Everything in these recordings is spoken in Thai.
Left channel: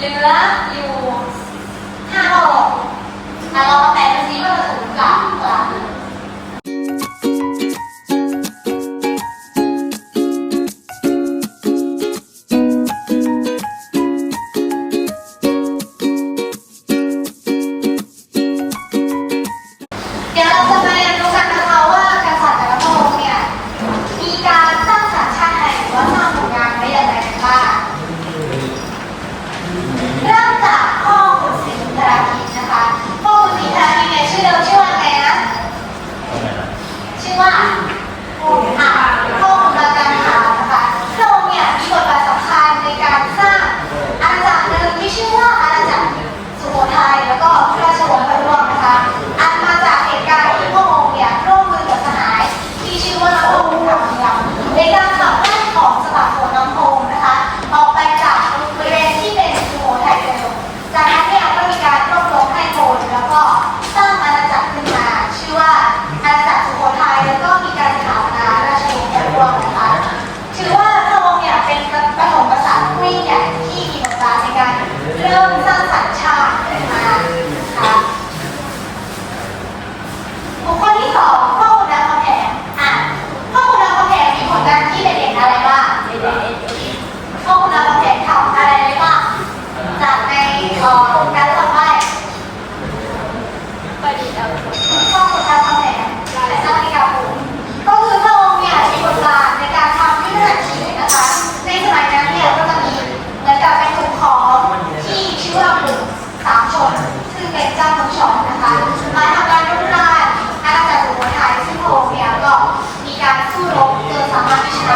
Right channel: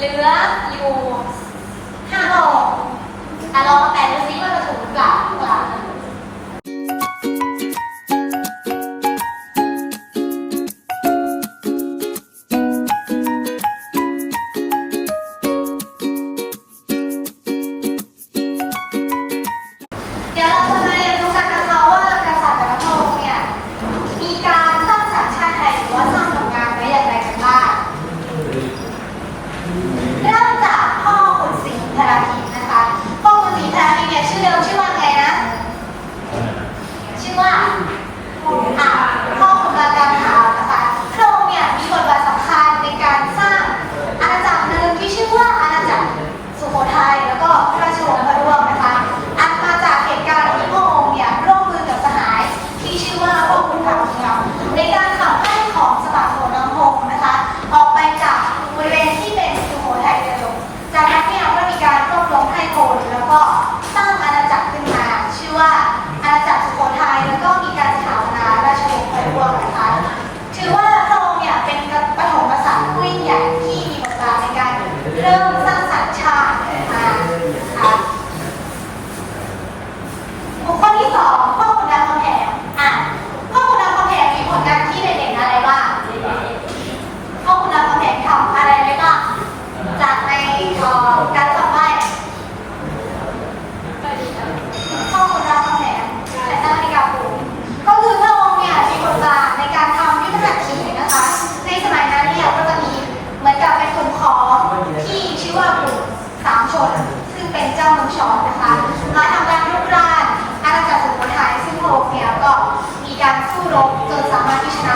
เหลืออยู่ห้าดอกแต่เราเแปด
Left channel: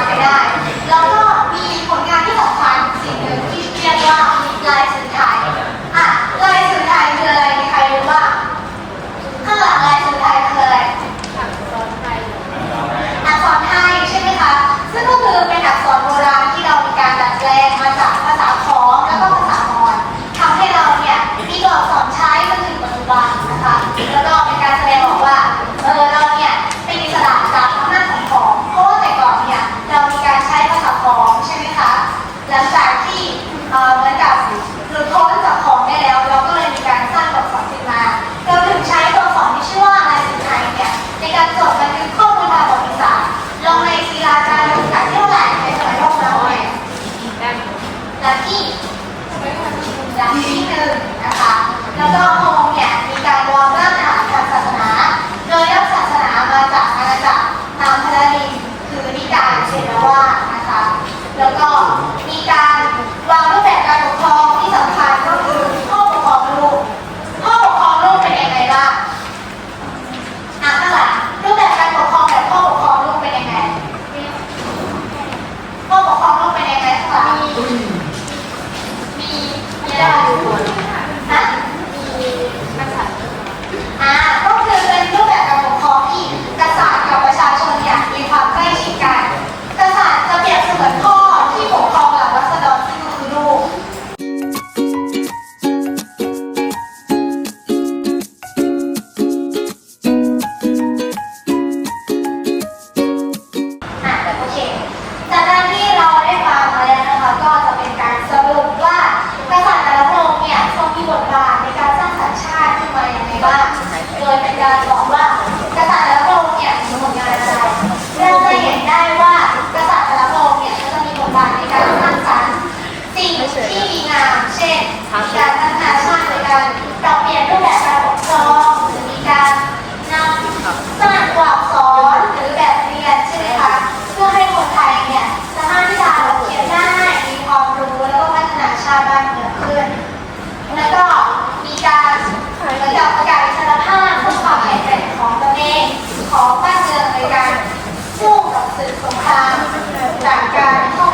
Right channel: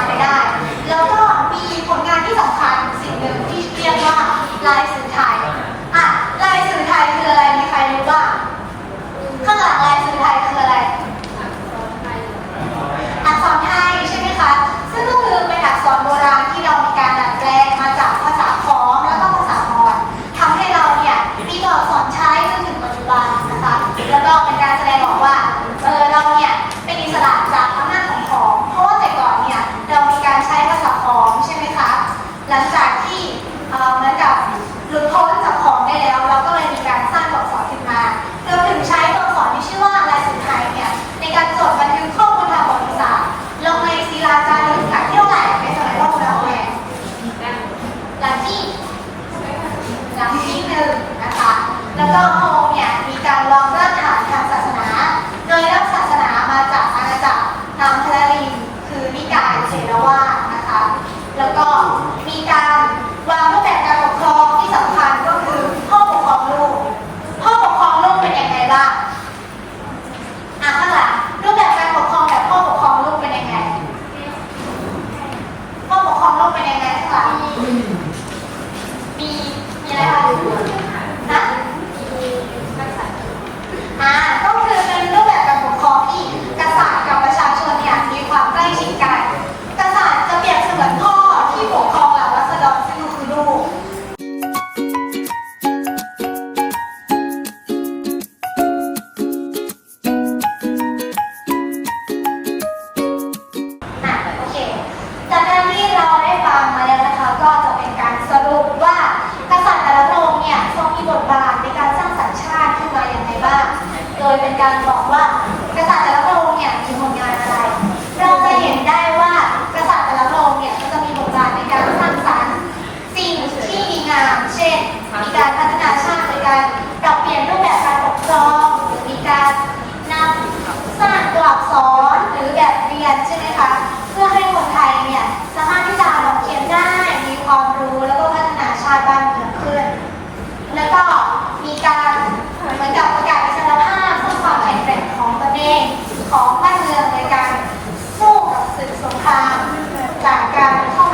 ไปได้ ที่เหมือนกับหลุดพ้นจากของได้แล้ว เราก็เลยมีการสร้างตัวอัขึ้นมาเรวมถึงใช้ตัวอัที่ชื่อว่าลายสุดท้ายเนี่ยในการจดบันทึกข้อมูลทางประวัติศาสตร์ลงในศิลาจารึกหลัเที่ยวไหนในสมัยโลกเราเนี่ยหลักที่หลักที่หนึ่งนะคะแล้วก็โฮมเนี่ยมีการวางรากฐานทางศาสนา โดยรับศาสนามาจากอาณาจักรตามพระลิคือนิกายเชรวานะคะ แล้วก็ ต่างกันห้อง